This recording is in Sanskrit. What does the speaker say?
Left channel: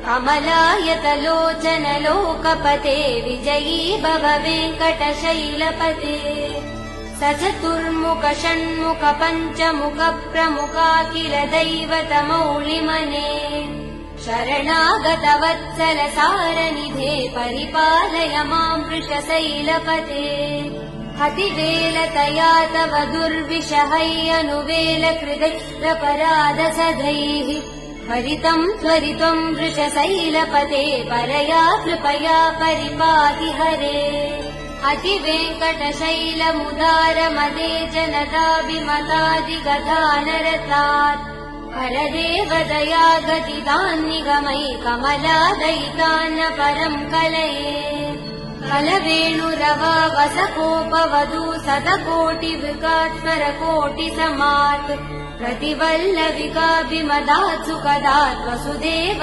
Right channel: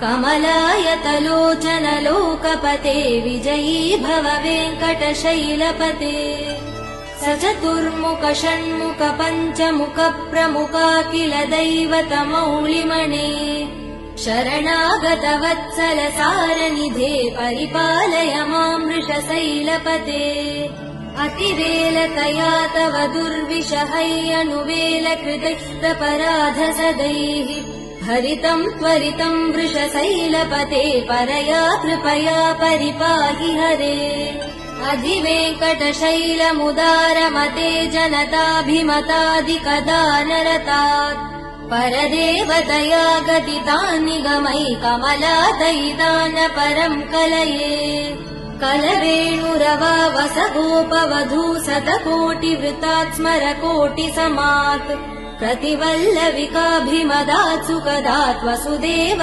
कमलायतलोचन लोकपते विजयी भव वेङ्कटशैलपते सचतुर्मुख षण्मुख पञ्चमुख प्रमुखाखिल दैवतमौलिमने शरणागत वत्सल सारनिधे परिपालय मां वृषशैलपते अतिवेलतया तव दुर्विषहैरनुवेल कृतष्टपराधसदैः हरितं त्वरितं वृषशैलपते परया कृपया परिपाहि हरे अधिवेङ्कटशैलमुदारमदे जनताभिमतादिकदानरतात् परदेव दया गदितान्निगमै कमलादयितान् परं कलये कलवेणुरवा वसगोपवधू शतकोटिवृतात् स्मरकोटिसमात् प्रतिवल्लविकाभिमदात् सुखदात् वसुदेव